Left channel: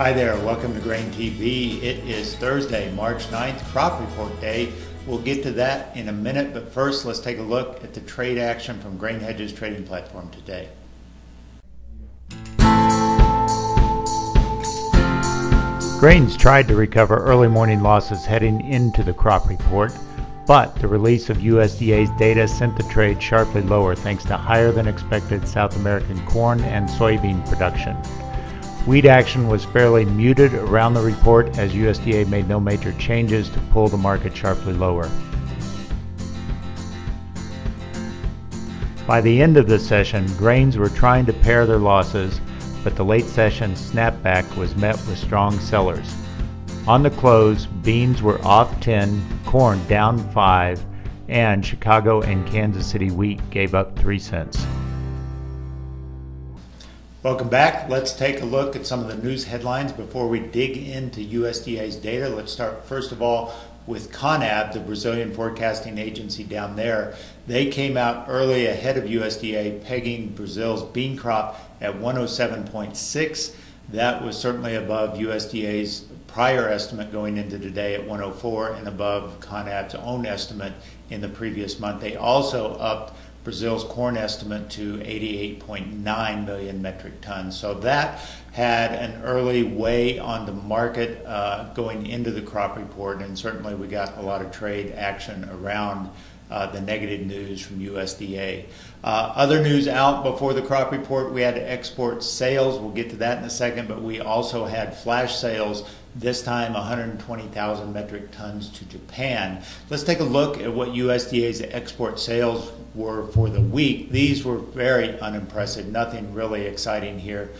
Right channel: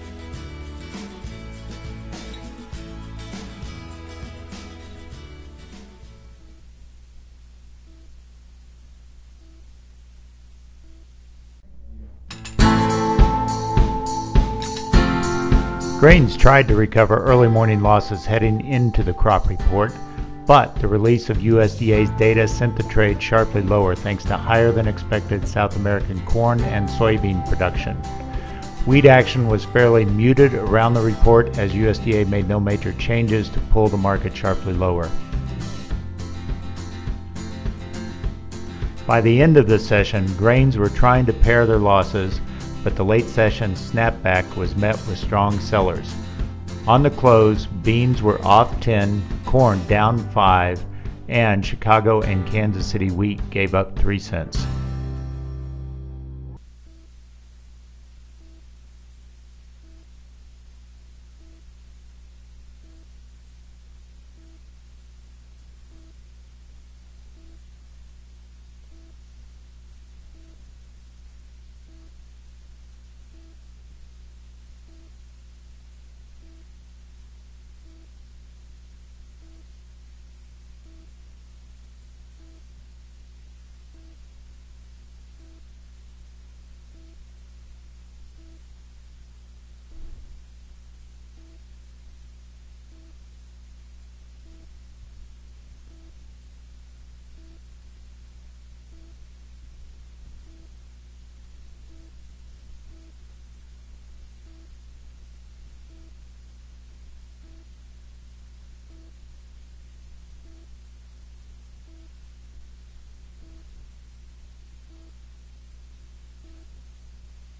Hi there, welcome to Grain TV. It is Thursday, March 9th, crop report day. We'll get to that in a minute, but first let's take a look at the trade action from Grain Hedge's trading platform today. Grains tried to recover early morning losses heading into the crop report, but the release of USDA's data sent the trade sharply lower thanks to higher than expected South American corn and soybean production. Wheat action was fairly muted around the report as USDA made no major changes to pull the market sharply lower. By the end of the session, grains were trying to pare their losses, but the late session snapback was met with strong sellers. On the close, beans were off 10, corn down 5, and Chicago and Kansas City wheat gave up 3 cents. Welcome back. Let's take a look at some of the news headlines before we dig into USDA's data. Let's start first of all with CONAB, the Brazilian forecasting agency down there. They came out early ahead of USDA, pegging Brazil's bean crop at 107.6. That was certainly above USDA's prior estimate going into today at 104 and above CONAB's own estimate in the previous month. They also upped Brazil's corn estimate to 88.9 million metric tons. So that had an early weigh on the market going into the crop report, and certainly we got a lot of trade action around the negative news from USDA. Other news out before the crop report, we had export sales. We'll get to that in a second, but we also had flash sales, this time 120,000 metric tons to Japan. Let's take a look at what USDA's export sales were for the week. These were very unimpressive, nothing really exciting here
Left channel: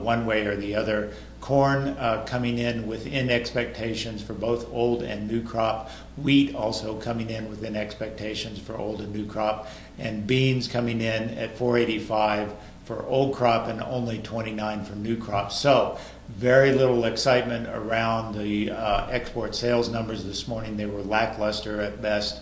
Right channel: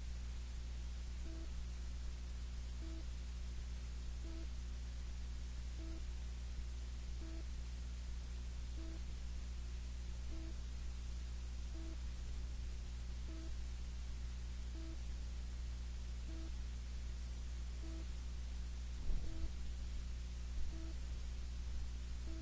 one way or the other. Corn coming in within expectations for both old and new crop. Wheat also coming in within expectations for old and new crop. And beans coming in at 485 for old crop and only 29 for new crop. So very little excitement around the export sales numbers this morning. They were lackluster at best,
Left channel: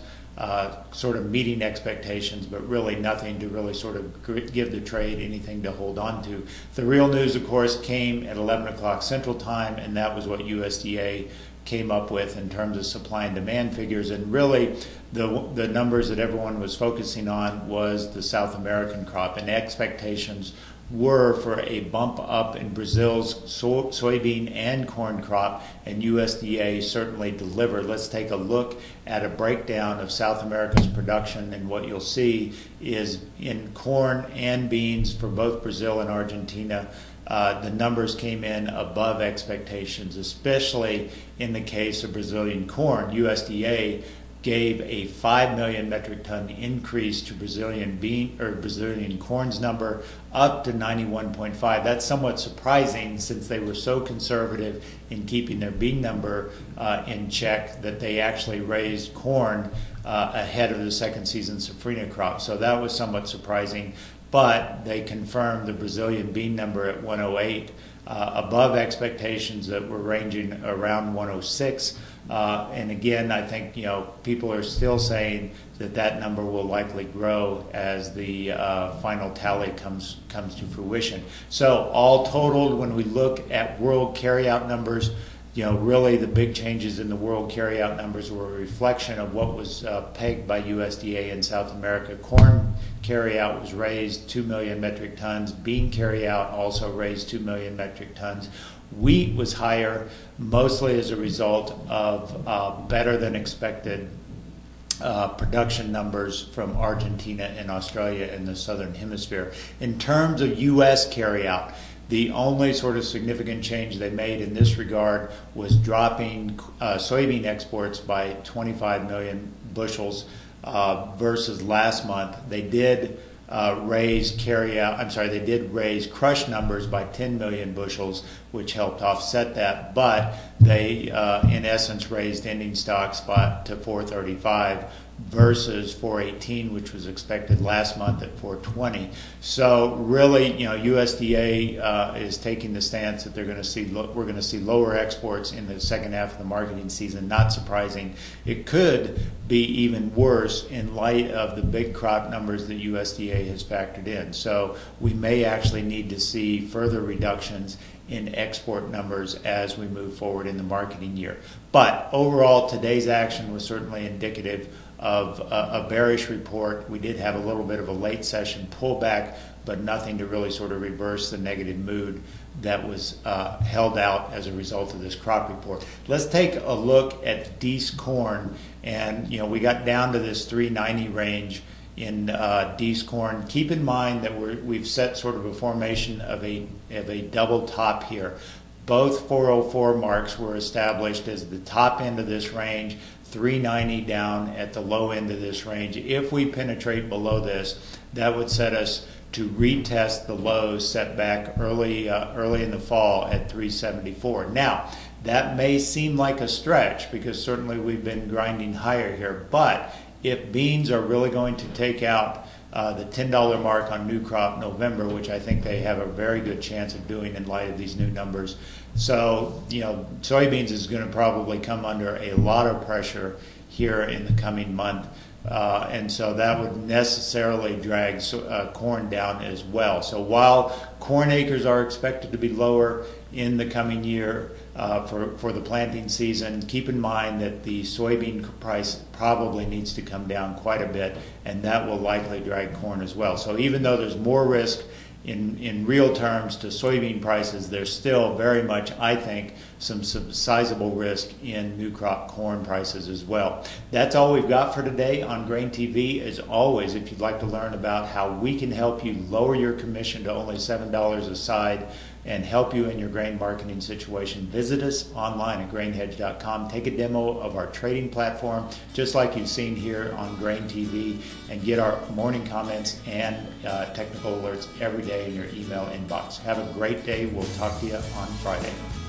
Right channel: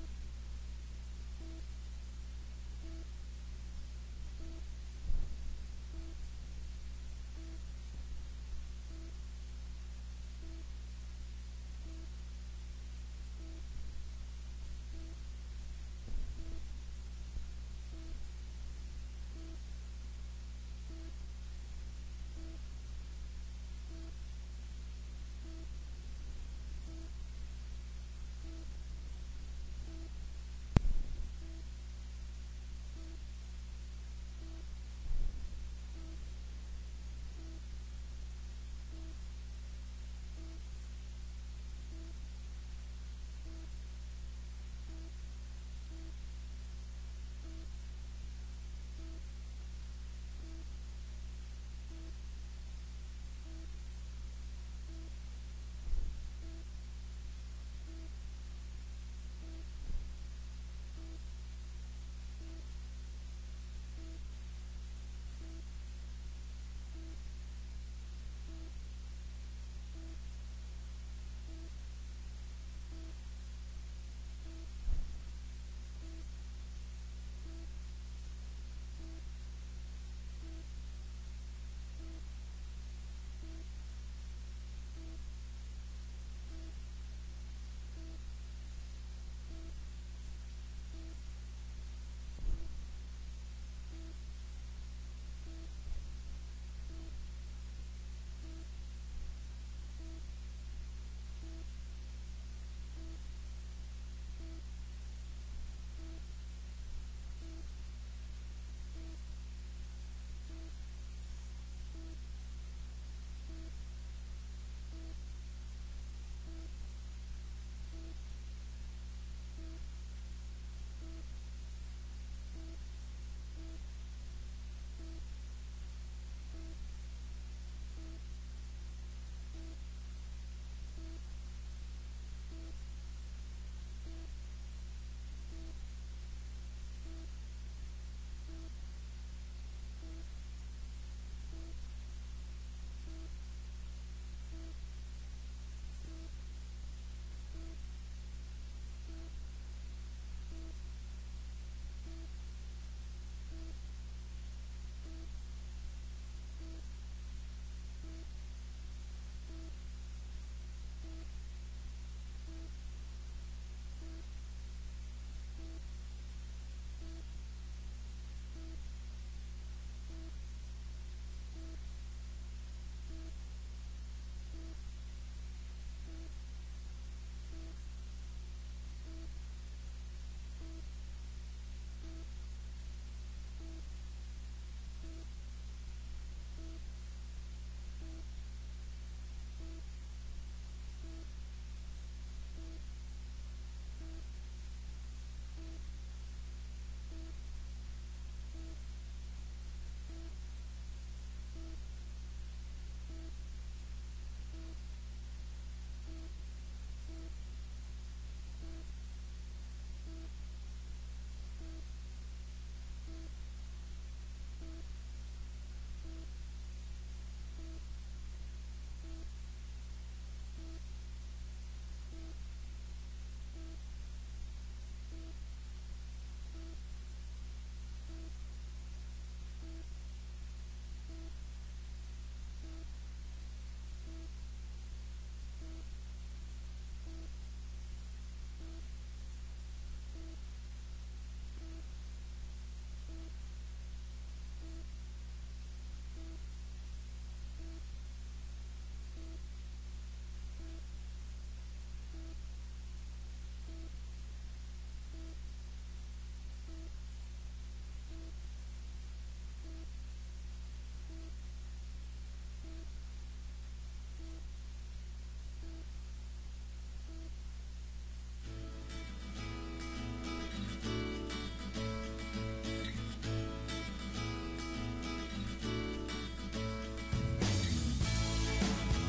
sort of meeting expectations, but really nothing to really sort of give the trade anything to hold on to. The real news, of course, came at 11 o'clock Central Time, and that was what USDA came up with in terms of supply and demand figures. And really, the numbers that everyone was focusing on was the South American crop, and expectations were for a bump up in Brazil's soybean and corn crop, and USDA certainly delivered. Let's take a look at a breakdown of South America's production, and what you'll see is in corn and beans for both Brazil and Argentina, the numbers came in above expectations, especially in the case of Brazilian corn. USDA gave a 5 million metric ton increase to Brazilian corn's number up to 91.5. That's somewhat surprising since they were so conservative in keeping their bean number in check that they actually raised corn ahead of the second season safrinha crop. So that was somewhat surprising, but they confirmed the Brazilian bean number at 108, above expectations that were ranging around 106. And again, I think people are still saying that that number will likely grow as the final tally comes to fruition. So all totaled, when we look at world carryout numbers, really the big changes in the world carryout numbers were a reflection of what was pegged by USDA in South America. Corn carryout was raised 2 million metric tons. Bean carryout also raised 2 million metric tons. Wheat was higher, mostly as a result of better than expected production numbers from Argentina and Australia in the southern hemisphere. In terms of U.S. carryout, the only sort of significant change they made in this regard was dropping soybean exports by 25 million bushels versus last month. They did raise crush numbers by 10 million bushels, which helped offset that, but they in essence raised ending stocks to 435 versus 418, which was expected last month at 420. So really, USDA is taking the stance that we're going to see lower exports in the second half of the marketing season. Not surprising. It could be even worse in light of the big crop numbers that USDA has factored in. So we may actually need to see further reductions in export numbers as we move forward in the marketing year. But overall, today's action was certainly indicative of a bearish report. We did have a little bit of a late session pullback, but nothing to really sort of reverse the negative mood that was held out as a result of this crop report. Let's take a look at Dees corn, and we got down to this 390 range in Dees corn. Keep in mind that we've set sort of a formation of a double top here. Both 404 marks were established as the top end of this range, 390 down at the low end of this range. If we penetrate below this, that would set us to retest the lows set back early in the fall at 374. Now, that may seem like a stretch because certainly we've been grinding higher here, but if beans are really going to take out the $10 mark on new crop November, which I think they have a very good chance of doing in light of these new numbers. So, soybeans is going to probably come under a lot of pressure here in the coming month. And so that would necessarily drag corn down as well. So while corn acres are expected to be lower in the coming year for the planting season, keep in mind that the soybean price probably needs to come down quite a bit, and that will likely drag corn as well. So even though there's more risk in real terms to soybean prices, there's still very much, I think, some sizable risk in new crop corn prices as well. That's all we've got for today on Grain TV. As always, if you'd like to learn about how we can help you lower your commission to only $7 a side and help you in your grain marketing situation, visit us online at grainhedge.com. Take a demo of our trading platform, just like you've seen here on Grain TV, and get our morning comments and technical alerts every day in your email inbox. Have a great day. We'll talk to you on Friday.